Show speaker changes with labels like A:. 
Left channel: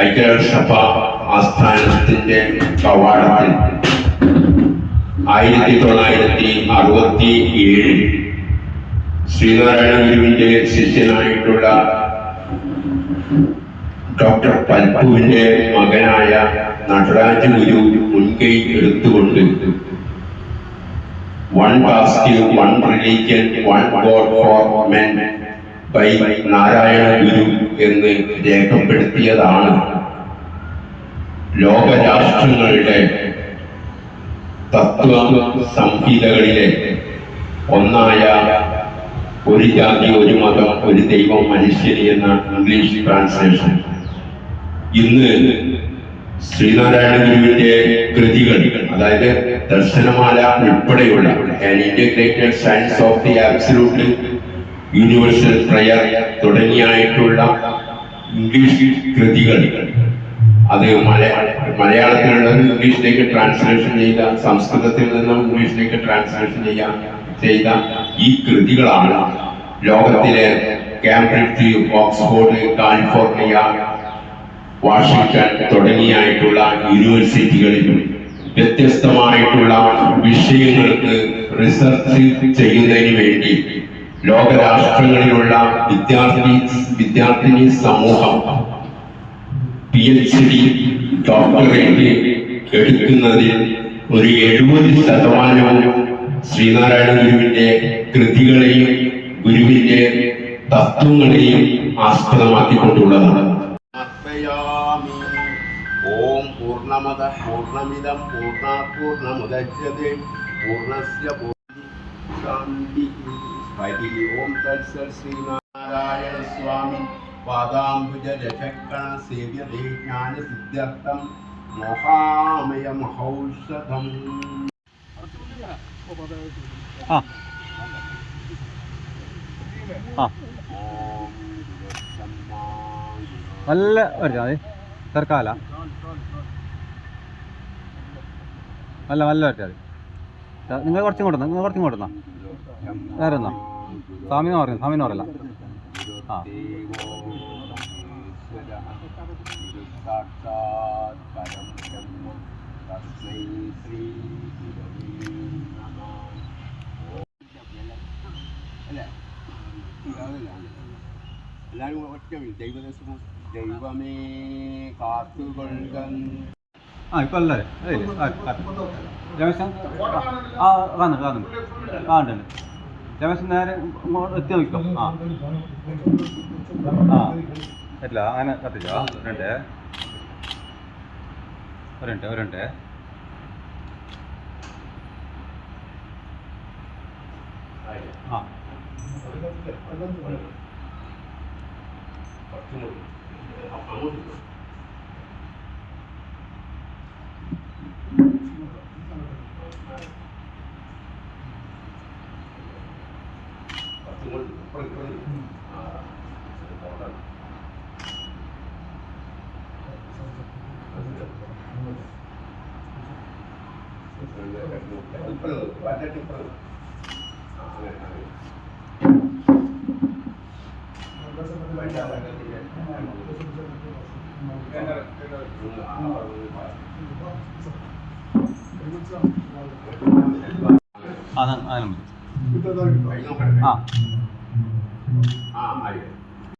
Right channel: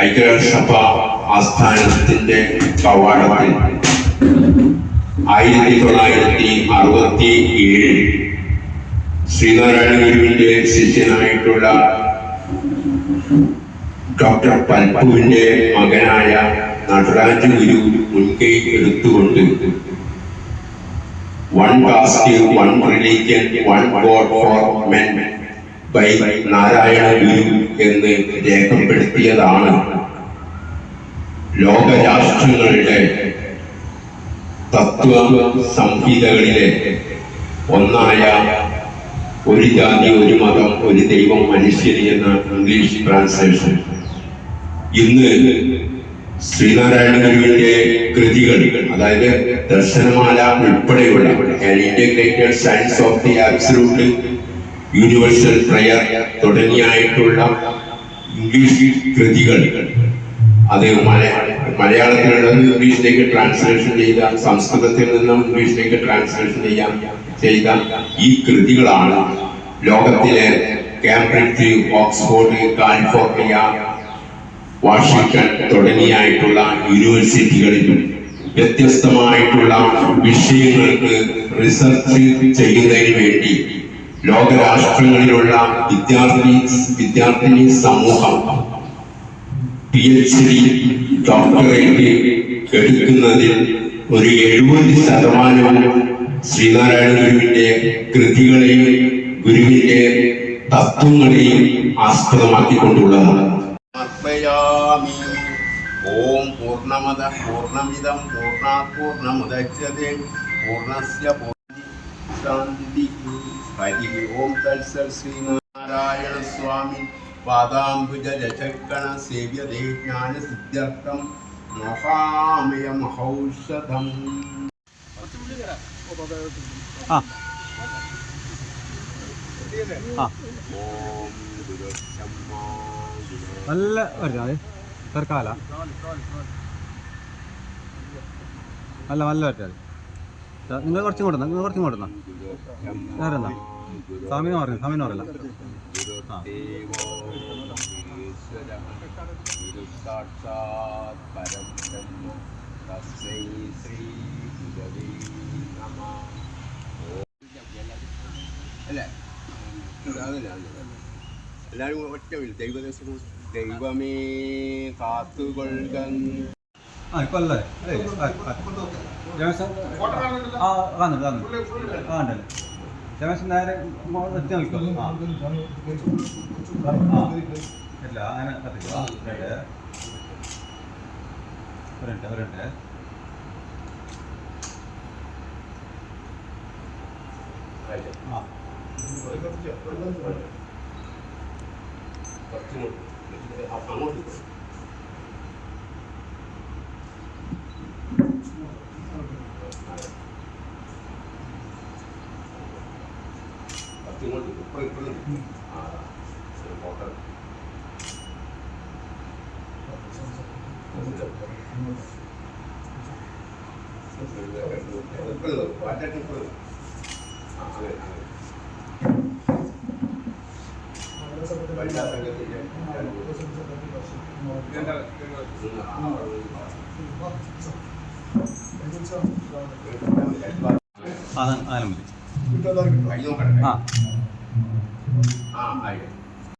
A: ഐക്യരാഷ്ട്രസഭ ആസ്ഥാനത്തിന്റെ കവാടത്തിൽ ആയിരത്തി തൊള്ളായിരത്തി അറുപത്തി ഏഴിൽ ശ്രീനാരായണ ഗുരുവിന്റെ ശിഷ്യനായിട്ടുള്ള ഡോക്ടർ പൽപുവിന്റെ മകനായ നടരാജ ഗുരു മുൻകൈ എടുത്തുകൊണ്ട് one caste one religion one god for men by Narayana Guru എന്ന് രേഖപ്പെടുത്തിയതാണ്. ലോകരാഷ്ട്രങ്ങളുടെ തത്വ സംഹിതകളിലെ ഒന്നായ ഒരു ജാതി ഒരു മതം ഒരു ദൈവം മനുഷ്യന് എന്ന ഇംഗ്ലീഷ് ട്രാൻസ്ലേഷൻ. ഇന്ന് ശ്രീനാരായണ ഗുരുവിന്റെ കൃതികൾ അതായത് ദർശനമാല ഉൾപ്പെടെയുള്ള integrated science of the absolute universal prayer തുടങ്ങിയായിട്ടുള്ള English കൃതികൾ. അത് മലയാള മലയാളത്തിലുള്ളത് ഇംഗ്ലീഷിലേക്ക് ട്രാൻസ്ലേഷൻ ചെയ്ത സംസ്കൃതത്തിൽ നിന്നും ഇംഗ്ലീഷിലേക്ക് ട്രാൻസ്ലേഷൻ ചെയ്യാൻ ചെയ്ത ഈ കൃതികളാണ് ലോകത്തിലെ കാംബ്രിഡ്ജ് ഓക്സ്ഫോർഡ് കാലിഫോർണിയ വാഷിംഗ്ടൺ തുടങ്ങിയായിട്ടുള്ള യൂണിവേഴ്സിറ്റികളിൽ വ്യത്യസ്തമായിട്ടുള്ള വിഷയങ്ങൾക്ക് റിസർച്ച് ചെയ്യുന്നതിന് വേണ്ടി ലോകരാഷ്ട്രങ്ങളിലുള്ള വിദ്യാർത്ഥി വിദ്യാർത്ഥിനി സമൂഹം പി എച്ച് ഡി ഡോക്ടറേറ്റ് എടുക്കുന്നതിൽ ഒരു എഴുപത് ശതമാനവും ശ്രീനാരായണ ഗുരുവിന്റെ കൃതികളെയും ഗുരുവിന്റെ തത്വങ്ങളെയും ആസ്പദമാക്കിക്കൊണ്ടുള്ളതാണ്. ഓം പൂർണമത പൂർണമിതം പൂർണാത് പൂർണമുദച്യത്തെ പൂർണസ്യ പൂർണ ശാന്തി. ഹരി ഓം തത്സൽ ശ്രീനാരായണ സ്വാമി പാദാംബുജ രചക്കണ സേവ്യതേ ജ്ഞാന സിദ്ധ്യർത്ഥം മോഹാമയ മഹൗഷധം
B: ആ. നല്ല വരച്ചാൽ മതി തിരക്കാല നല്ല നല്ല വരച്ചാൽ മതി നിങ്ങൾ കുറച്ചും കൊടുന്ന നിങ്ങൾ കുറച്ചും കൊടുന്ന വേറെ എന്നാ പറയല്ല ആ
A: ബ്രഹ്മ തസ്മൈ ശ്രീ ഗുരവേ നമഃ അല്ലേ? അതല്ല എല്ലാവരും ഒറ്റ ദൈവദേശം ദൈവമേ കാത്തുകൊള്ളുക.
B: ആ ഇപ്പം അല്ലേ? അതെ രമേശൻ? ആ കാണുന്നുണ്ട് കാണുന്നുണ്ട് ആ ഉണ്ടല്ലേ? രമേശൻ നേരെ എത്തി നോക്കിക്കോ. ആ. ആ. ഇല്ല അങ്ങനെ കത്തില്ല. ഒരുണ്ട് ഒരുണ്ട് ഒരുണ്ട് ആ.
A: അങ്ങോട്ട് ഇപ്പുറം ഇപ്പുറം ആ ഫോട്ടോ
B: ആ അങ്ങനെ മതി. ആ.
A: ああありがとう